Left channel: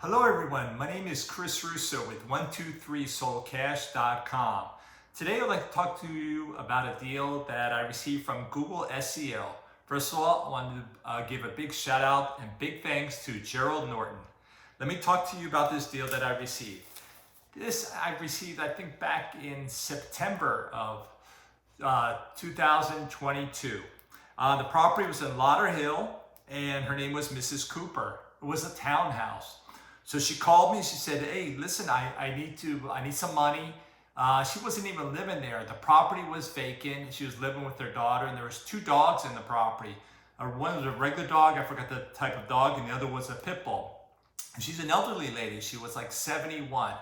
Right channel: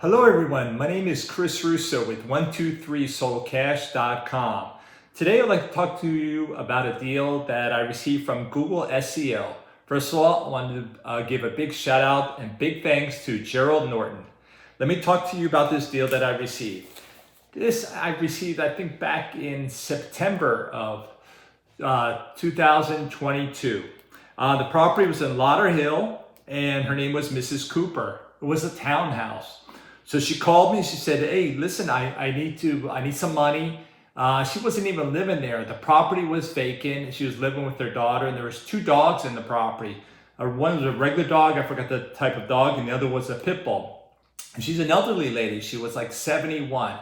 Hello everyone, my name is Chris Russo with 123soldcash.com. Today I'd like to talk to you about a deal that I received from Google SEO. First of all, I wanted to give a big shout out and big thanks to Jerryll Noorden. Let me talk to you about this deal that I received. This I received, I think, back in September of 2022. The property was in Lauderhill and her name was Mrs. Cooper. It was a townhouse. So she called me. She said, "Hey, listen, I need some money." She wasn't even living there. The property was vacant. She was living with her daughter, and there was two dogs in the property. One was a regular dog. I forgot the type of dog, and the other was a pit bull. And she's an elderly lady. She was like 71.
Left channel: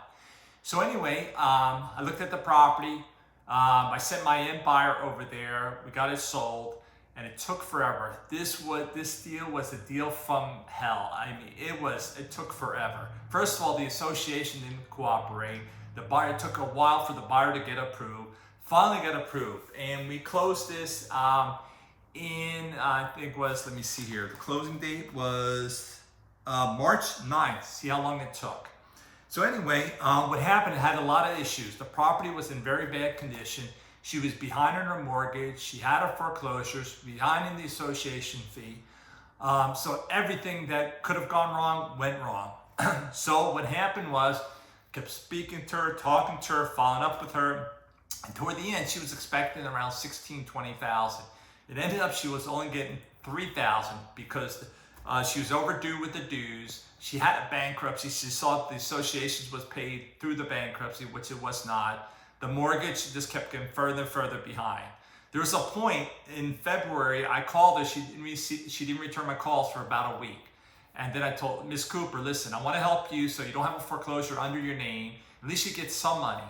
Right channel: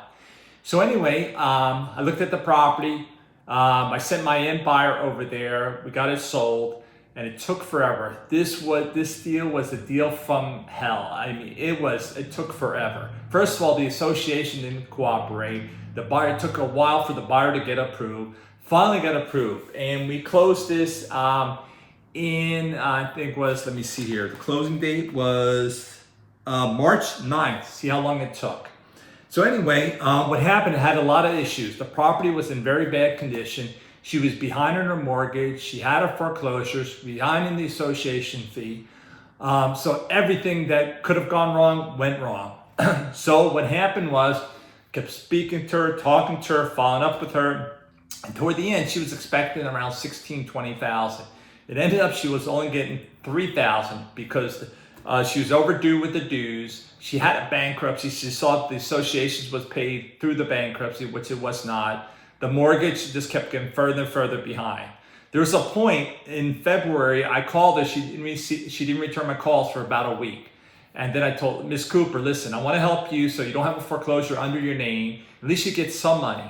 So anyway, I looked at the property. I sent my end buyer over there. We got it sold. And it took forever. This deal was a deal from hell. I mean, it took forever. First of all, the association didn't cooperate. It took a while for the buyer to get approved. Finally got approved. And we closed this I think was, let me see here. The closing date was March 9th. See how long it took. So anyway, what happened, it had a lot of issues. The property was in very bad condition. She was behind on her mortgage. She had her foreclosures, behind in the association fee. So everything that could have gone wrong went wrong. So what happened was, kept speaking to her, talking to her, following up with her. And toward the end, she was expecting around $20,000. It ended up she was only getting $3,000 because she was overdue with the dues. She had a bankruptcy. She saw the association was paid through the bankruptcy, which it was not. The mortgage just kept getting further and further behind. There was a point in February, I called her, she didn't return my calls for about a week. And then I told Miss Cooper, listen, I want to help you so you don't have a foreclosure under your name. At least you get some money.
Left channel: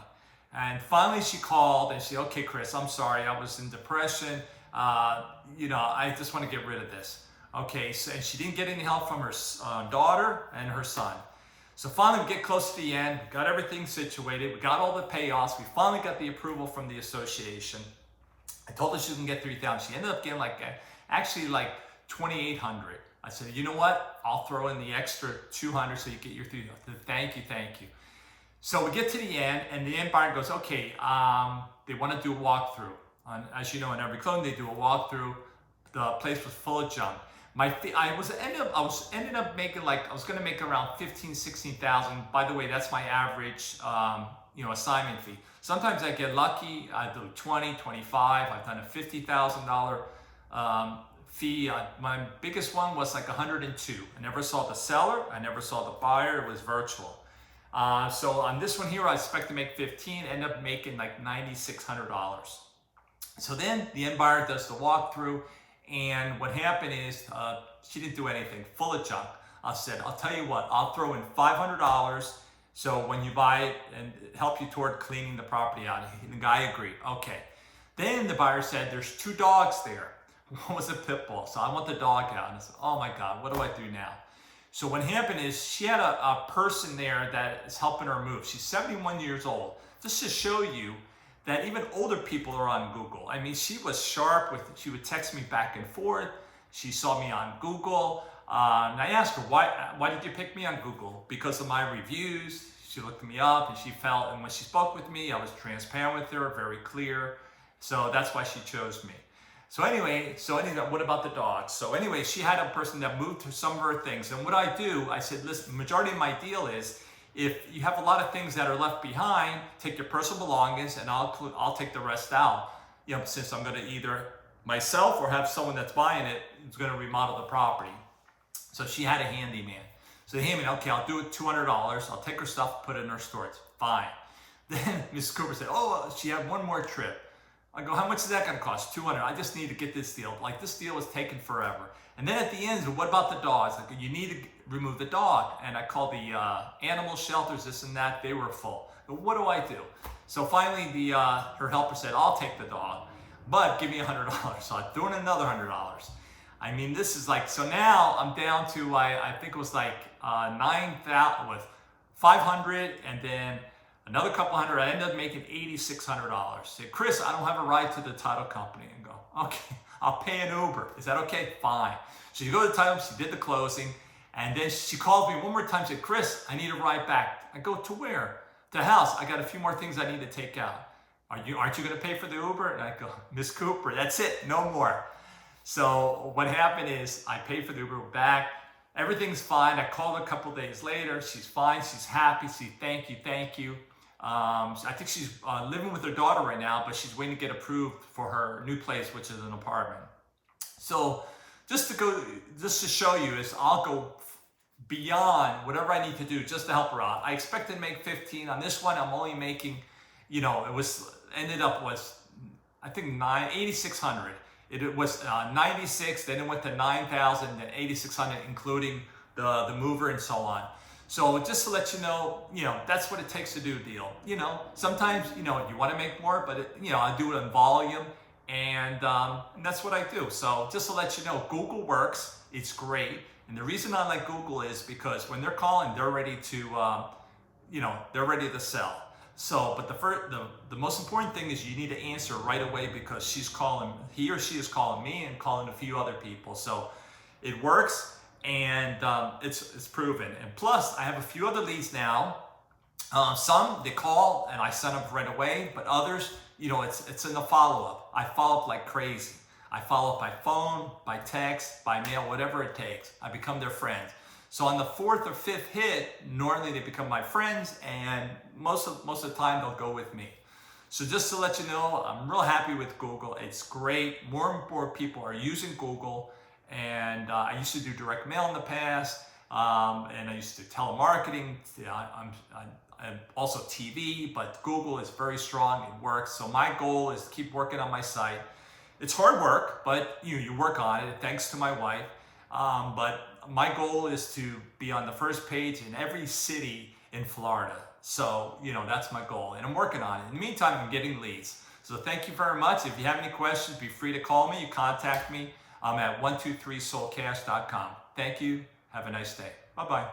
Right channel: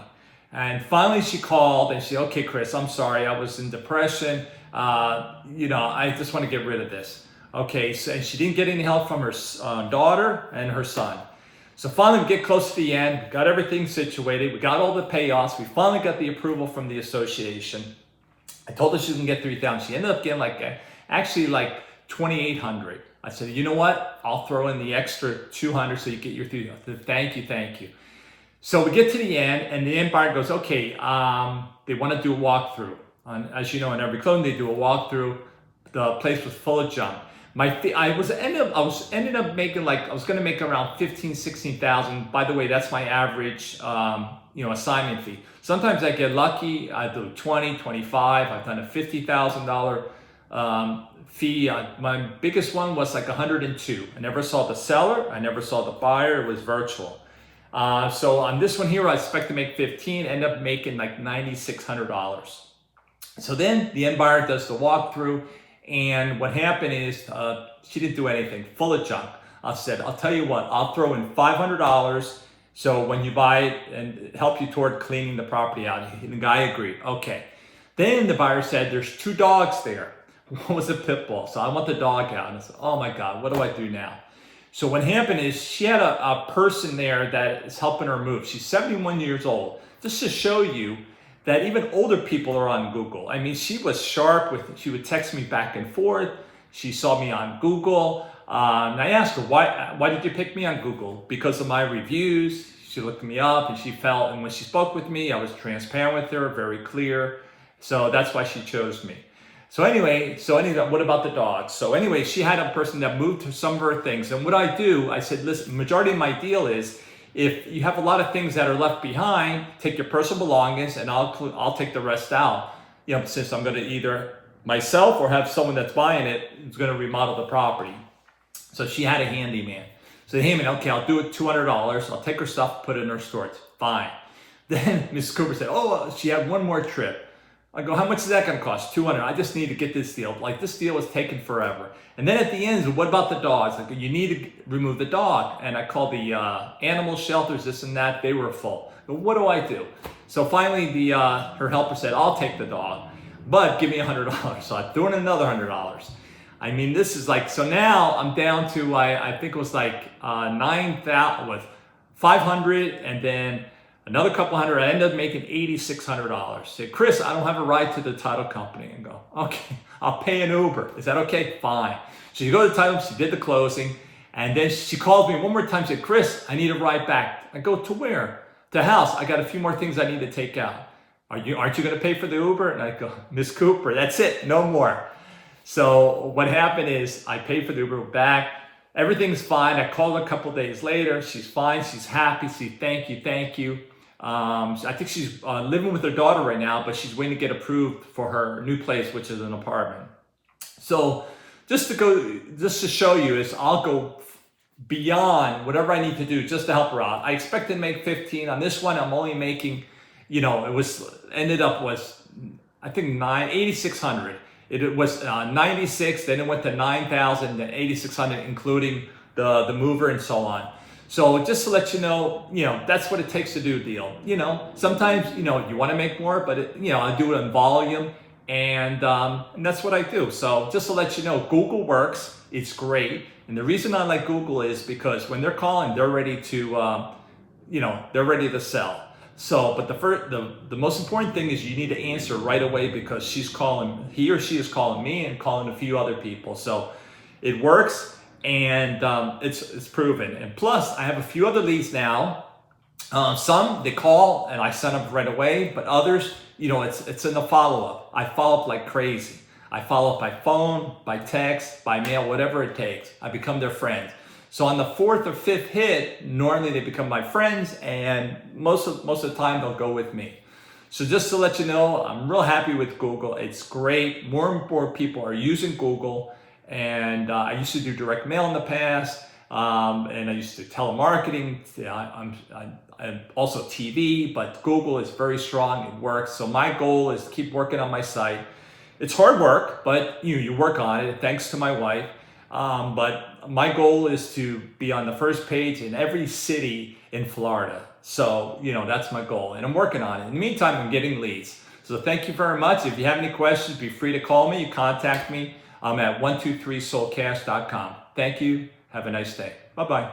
And finally she called and she said, okay, Chris, I'm sorry, I was in depression. I just want to get rid of this. Okay, so and she didn't get any help from her daughter and her son. So finally we get close to the end, we got everything situated, we got all the payoffs, we finally got the approval from the association. I told her she was gonna get $3,000. She ended up getting like $2,800. I said, you know what? I'll throw in the extra $200 so you get your $3,000. Thank you. So we get to the end and the end buyer goes, okay, they wanna do a walkthrough. As you know, in every closing they do a walkthrough. The place was full of junk. I was gonna make around 16,000. By the way, that's my average, assignment fee. Sometimes I get lucky. I do 20, 25. I've done a $50,000 fee. My biggest one was like 102. I never saw the seller. I never saw the buyer. It was virtual. So on this one here, I expect to make 15. End up making like $9,600. So then the end buyer does the walkthrough. And what happened is she didn't do anything, full of junk. I said, I'll tell you what, I'll throw in $500 so when you buy it and help you toward cleaning the property out. And the guy agreed, okay. Then the buyer said, there's two dogs there. One was a pit bull, so I want the dog out. And I said, oh my God, what do I do now? So what happened is she had a person there that is helping her move. She's 71 years old. Just to show you that even older people are on Google. I mean, she was sharp she would text me back and forth. She saw me on Google. And I asked her, why did you pick me on Google? Because of my reviews. She looked me up and and when she spoke with me, I was transparent with her, very clear. So that's why she chose me. So anyway, what about the dogs? So anyway, she had a person that moved some of her things. And what I do, I said, listen, the majority of my deal is, if you have a lot of things that are left behind, take your personal belongings and I'll take the rest out. Since I'm going to either myself or have someone that's buying it who's going to remodel the property. So she had a handyman. So the handyman, okay, I'll do it $200. I'll take her stuff, put it in her storage. Fine. Then Mrs. Cooper said, she had one more trip. I go, how much is that going to cost? $200. I just need to get this deal. Like, this deal was taking forever. And then at the end, what about the dogs? Like, you need to remove the dog. And I called the animal shelters, this and that. They were full. But what do I do? So finally, her helper said, I'll take the dog, but give me $100. So I threw in another $100. I mean, this is like, so now I'm down to, I think it was like 9,000 with 500 and then another couple hundred. I ended up making $8,600. Say, Chris, I don't have a ride to the title company. And go, okay, I'll pay an Uber. Is that okay? Fine. So you go to the title, she did the closing. And then she calls me one more time and said, Chris, I need a ride back. I go, to where? To the house. I got a few more things I need to take out. Aren't you going to pay for the Uber? And I go, Miss Cooper, that's it, no more. So what happened is I paid for the Uber back. Everything's fine. I called a couple days later. She's fine. She's happy. She thank you. I think she's living with her daughter right now, but she's waiting to get approved for her new place, which is an apartment. So just to show you is I'll go beyond whatever I need to do just to help her out. I expected to make 15. On this one, I'm only making, ended up I think 8,600. It was 96, then it went to 9,000, then 8,600, including the mover and so on. So just to let you know, that's what it takes to do a deal. Sometimes, you want to make more, but I do it in volume, and that's what I do. So just to let you know, Google works. It's great. And the reason I like Google is because when they're calling, they're ready to, they're ready to sell. So, but the most important thing is you need to answer right away, because he or she is calling me and calling a few other people. So it works, and it's proven. And plus, I have a few other leads now. Some they call and I send up right away, but others, it's in the follow-up. I follow up like crazy. I follow up by phone, by text, by mail, whatever it takes. I become their friend. So on the 4th or 5th hit, normally they become my friends, and most of the time they'll go with me. So just to let you know, I'm real happy with Google. It's great. More and more people are using Google, and I used to do direct mail in the past, and I used to telemarketing. I'm also TV, but Google is very strong. It works. So my goal is to keep working on my site. It's hard work, but you work on it. Thanks to my wife. But my goal is to be on the first page in every city in Florida. So, that's my goal, and I'm working on it. In the meantime, I'm getting leads. So thank you very much. If you have any questions, be free to call me. You contact me. I'm at 123soulcash.com. Thank you. Have a nice day. Bye-bye.